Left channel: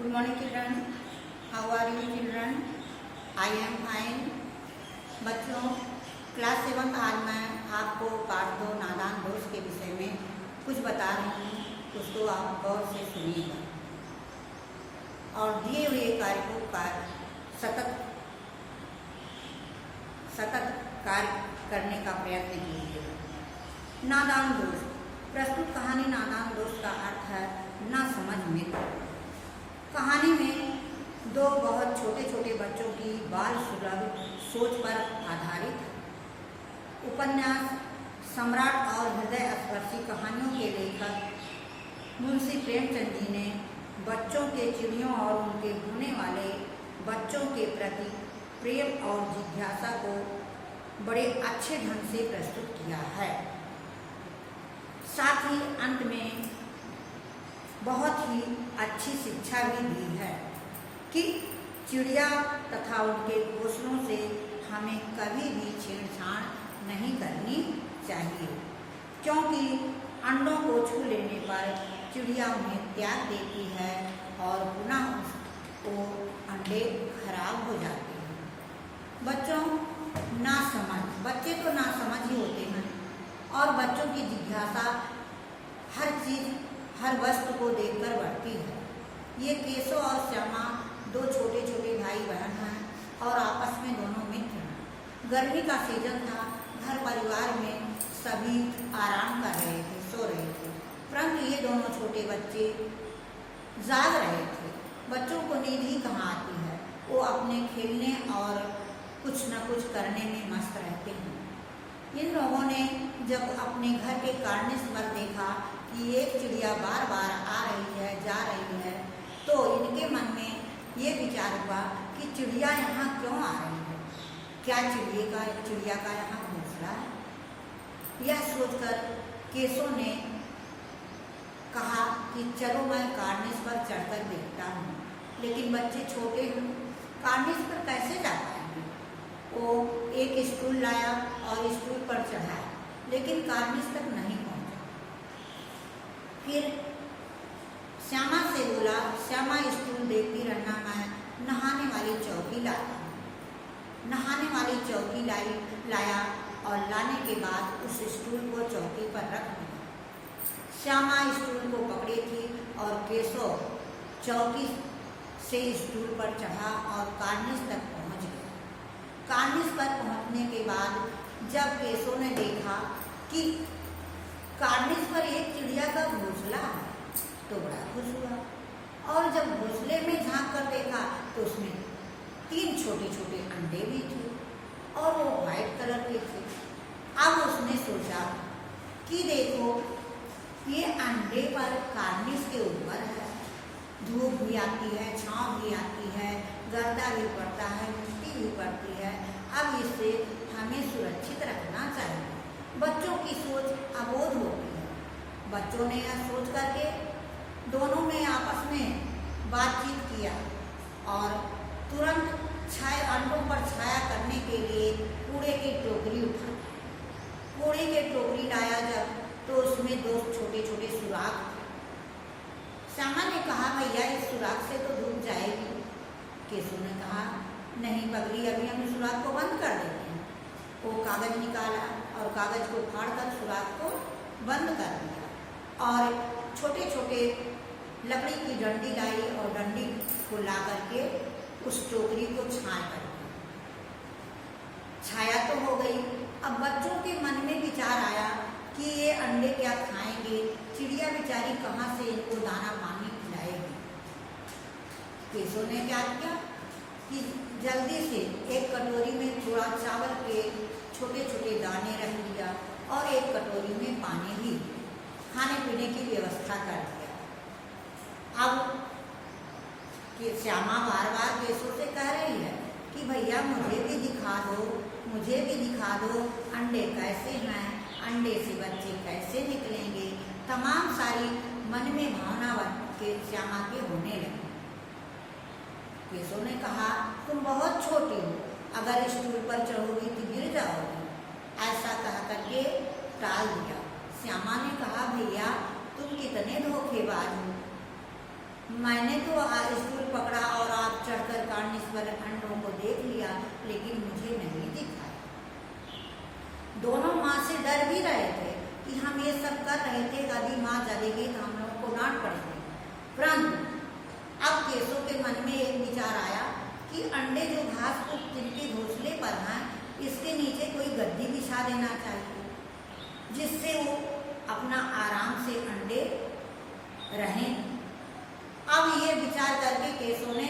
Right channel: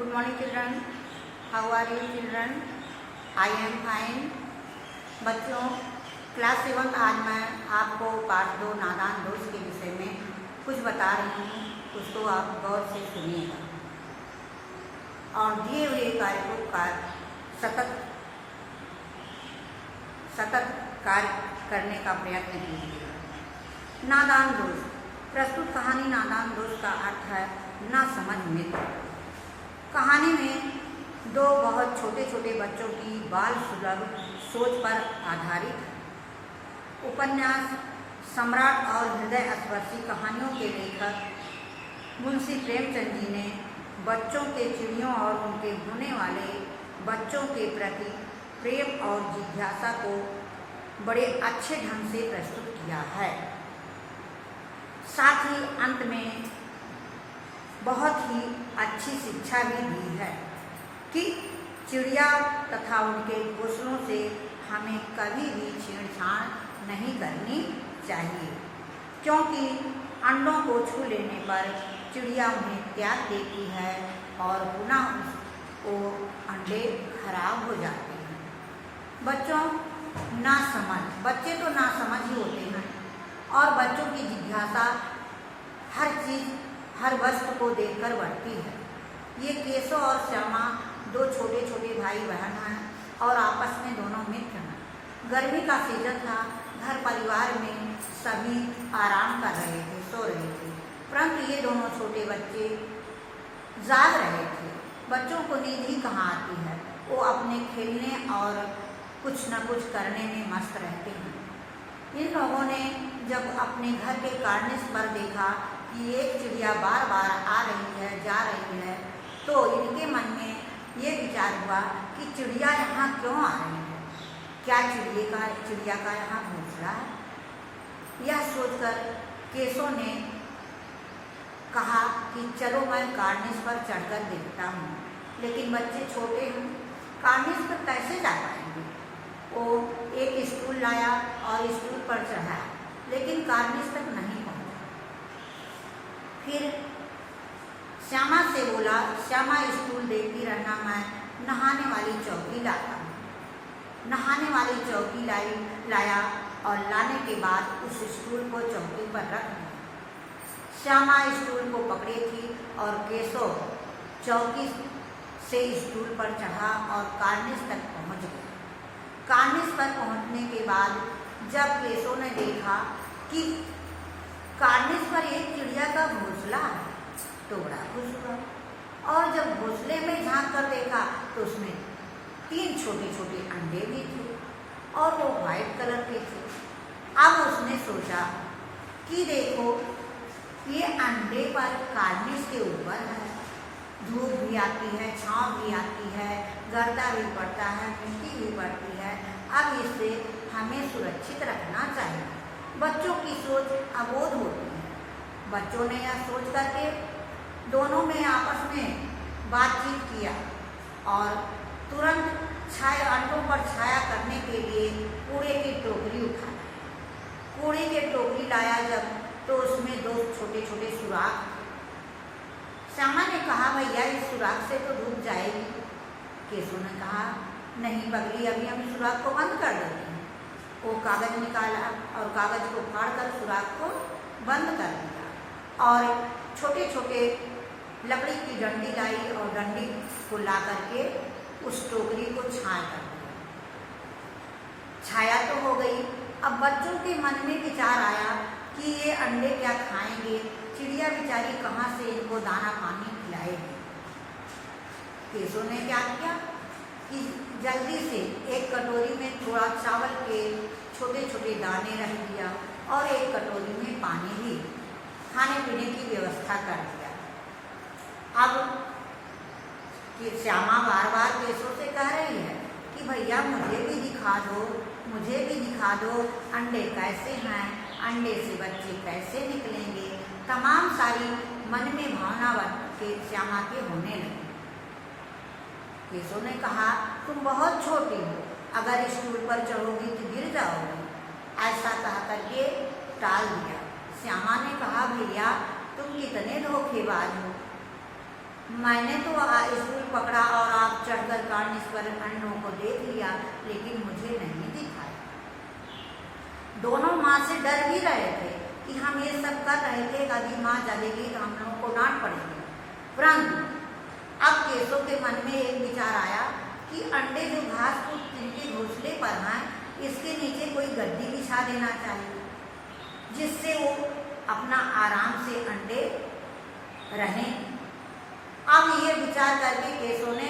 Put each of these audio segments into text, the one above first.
Good morning children. How are you children? I am fine. बच्चों class 7 आज मैं आपको पार्ट 2 नादान दोस्त के विषय में कुछ बता रही हूँ, उसको आप गौर से सुनिएगा और दिए हुए कार्य को सतत कार्य करने का प्रयत्न कीजिएगा। नादान दोस्त। प्रस्तुत कहानी नादान दोस्त का अर्थ है ना समझ मित्र। कहानी में दो बहुत छोटे छोटे बच्चों की बाल सुलभ सोच पर आधारित उपन्यास सम्राट और हृदय स्पर्शी कहानियों के लेखक मुंशी प्रेमचंद जी ने बच्चों के चिड़ियों और उनके होने वाले बच्चों के प्रति प्रेम और जिज्ञासा को बड़े अच्छे ढंग से प्रस्तुत किया है। साथ ही अंत में बहुत ही अच्छी शिक्षा भी दी है कि चिड़िया तथा उनके घोंसलों से हमें कभी भी छेड़छाड़ नहीं करनी चाहिए, क्योंकि अंडों को छू लेने पर चिड़िया उन्हें त्याग देती है और पुनः वो अंडे खराब हो जाते हैं। बच्चों नासमझ, बच्चे तो नासमझ ही होते हैं और बच्चों की जिज्ञासा हर चीज़ हर वस्तु को देखकर बढ़ती है। ये केशव और श्यामा दो छोटे छोटे भाई बहन हैं और आपस में दोनों मित्र हैं। गर्मी का सीजन था, घर परिवार में सभी आराम कर रहे थे, सो रहे थे, परंतु ये दोनों छोटे बच्चे जाग रहे थे। बच्चों को नींद ही कहाँ आती है, वो अपने खेलने और कुछ न कुछ करने में मस्त रहते हैं। इन लोगों ने जब अपने घर के कार्निस पर देखा कि एक चिड़िया बार बार आ रही है जा रही है, तो इनके मन में ये विचार हुआ कि चिड़िया यहाँ क्यों आ रही है, क्या चिड़िया का यहाँ घोंसला है। यह सोचकर केशव ने कहा कि चलो मैं कार्निस पर चढ़कर देखता हूँ, लेकिन बच्चे छोटे हैं, कार्निस पर कैसे जा पाएंगे। वो एक स्टूल लाया और स्टूल पर चढ़ा, लेकिन कार्निस तक नहीं पहुँचा। फिर श्यामा से बोला, श्यामा स्टूल देखती रहना, मैं नहाने वाली चौकी लाता हूँ। नहाने वाली चौकी लाया और लाने के बाद उस स्टूल को चौकी पर रख दिया। श्यामा स्टूल को पकड़े थी और केशव चौकी से स्टूल पर चढ़ा और कार्निस तक पहुँच गया। कार्निस पर पहुँचने के बाद जब केशव ने देखा कि कार्निस पर एक चिड़िया का घोंसला है, तो बड़ा खुश हुआ और जब घोंसले में झांक कर देखा तो उसमें 3 छोटे छोटे अंडे भी थे और वो वाइट कलर के थे। अब उसने सोचा कि देखो ये अंडे पर कार्निस के ऊपर है, धूप भी आती है, छांव भी आती है, गर्दा भी पड़ता है, मिट्टी भी पड़ती है, अब इससे हमें सुरक्षित रखना चाहिए। बच्चों की सोच अबोध होती है। बच्चों ने यह सोच करके दोनों में आपस में बातचीत किया और तुरंत अंडों पर छाया करने के लिए कूड़े की टोकरी उठाई। कूड़े की टोकरी लाया जब, तो उसमें 2 छोटे छोटे सुराख थे। श्यामा ने कहा, भैया इस सुराख से तो धूप जाएगी। केशव ने कहा, नहीं पगली, अभी हम इस सुराख को बंद कर देते हैं। वो कागज निकाला और कागज को फाड़कर सुराख को बंद कर दिया और छोटे छोटे लकड़ी की डंडी लाई और डंडी को ला करके उस टोकरी को छाया कर दिया। छाया तो हो गई। अब बच्चों के मन में विचार आया कि ये अंडे क्या खाएंगे, चिड़िया बेचारी कहाँ से इनको दाना पानी खिलाएगी। केशव ने क्या किया कि जल्दी से एक कटोरी में थोड़ा चावल के छोटे छोटे दाने रख दिया और एक कटोरी में पानी भी, खाने पीने की व्यवस्था कर दिया। अब कि श्यामा बार बार केशव से कह रही है कि भैया मुझे भी दिखा दो अंडे कैसे हैं, अंडे से बच्चे कैसे निकलेंगे। तमाम सारी मन में भावना बन के श्यामा के होने लगी। केशव ने कहा, तुम बहुत छोटी हो, अगर स्टूल पर चढ़ोगी तो गिर जाओगी। ऐसा कह करके टाल दिया। श्यामा ने कहा, भैया तुम कितने धोखेबाज हो, मैंने तो स्टूल पकड़ा और आप चढ़कर कार्निस पर अंडों को देख लिया, लेकिन मुझे नहीं दिखाए। दोनों माँ से डर भी रहे थे कि हम ये सब कर रहे थे, यदि माँ जलेगी तो हम लोगों को डांट पड़ेगी। परंतु अब केशव के मन में एक विचार आया कि अंडे जो घास फूस जिनके घोंसले पर हैं, इसके नीचे कोई गद्दी बिछा देना चाहिए, जिससे वो अपना आराम से अंडे रहें। अब ये विचार करके केशव ने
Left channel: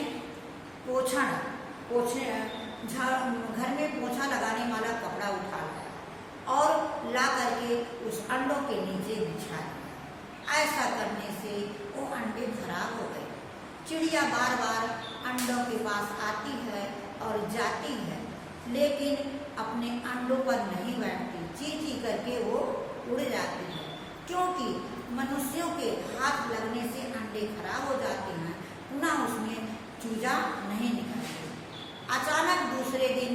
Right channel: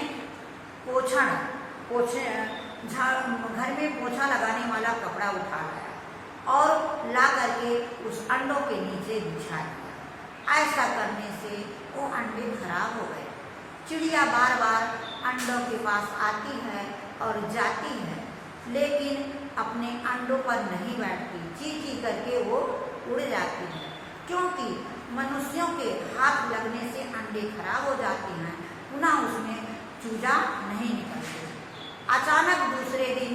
घर में पोछा लगाने वाला कपड़ा उठा लाया और ला करके उस अंडों के नीचे बिछा दिया। ऐसा करने से वो अंडे खराब हो गए। चिड़िया बार बार अंडों के पास आती है और जाती है, लेकिन अपने अंडों पर नहीं बैठती, ची ची करके वो उड़ जाती है, क्योंकि मनुष्यों के हाथ लगने से अंडे खराब हो जाते हैं, पुनः उसमें चूजा नहीं निकलते। अचानक दूसरे दिन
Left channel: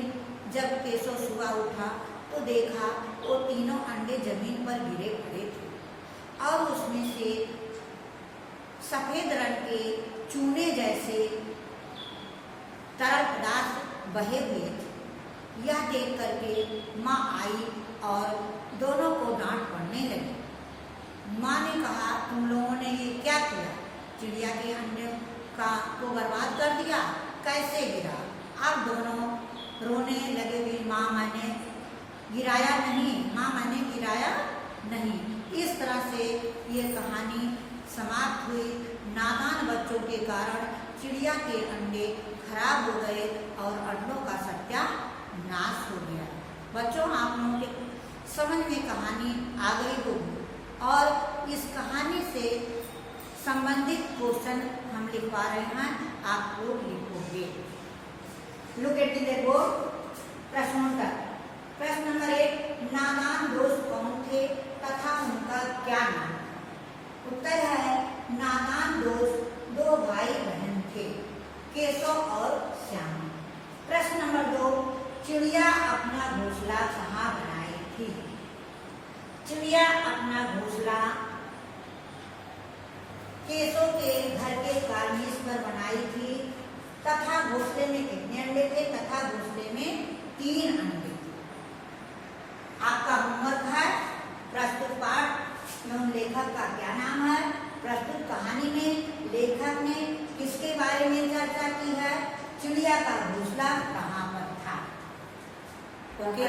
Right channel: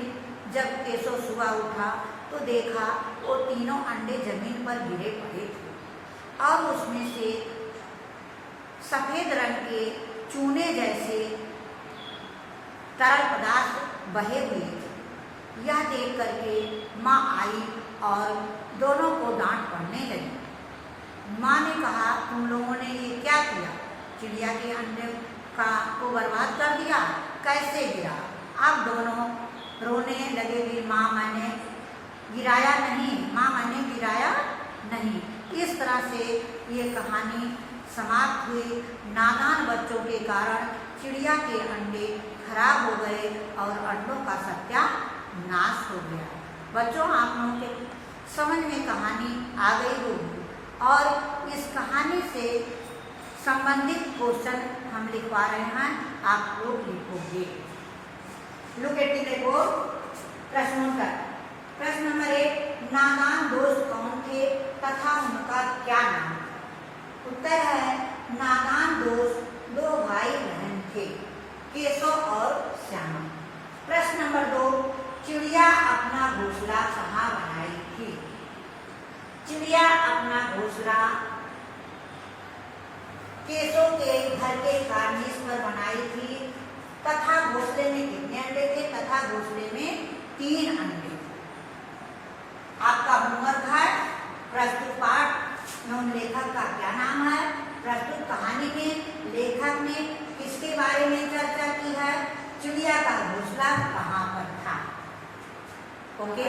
जब केशव सुबह उठा तो देखा वो तीनों अंडे जमीन पर गिरे पड़े थे और उसमें से सफेद रंग के चूने जैसे तरल पदार्थ बहे हुए थे। यह देख करके माँ आई और दोनों को डांट पड़ने लगी। माँ ने कहा, तुम लोगों ने ये क्या किया? चिड़िया के अंडे को बर्बाद कर दिया, कैसे गिरा? अब दोनों रोने लगे भी, माँ मैंने गिराया नहीं, माँ मैंने गिराया नहीं। इस तरह से ये कहानी समाप्त हुई। नादान बच्चों के कारण चिड़िया के अंडे खराब हो गए और अंडों का सत्यानाश हो गया। बच्चों, आप लोगों के समझ में कहानी आ गई होगी और इस कहानी से संबंधित क्वेश्चन हम लिखवा रहे हैं, आप लोग लिखोगे। लुक एट देखो प्रश्नोत्तर। प्रश्न नंबर 1, नादान दोस्त कौन थे तथा उनका क्या नाम? उत्तर है, नादान दोस्त 2 भाई बहन थे, केशव और श्यामा। प्रश्न नंबर 2, चिड़िया अपना घोंसला कहाँ बनाई थी? चिड़िया अपना घोंसला केशव के घर के कार्निस पर बनाई थी तथा घोंसले में कितने अंडे थे? तथा घोंसले में 3 अंडे। आपका होमवर्क है प्रस्तुत पाठ में उन लेखक का क्या नाम है? प्रस्तुत कहानी में लेखक ने किसके बारे में चर्चा की है? चिड़िया का घोंसला कहाँ पर था? ओके।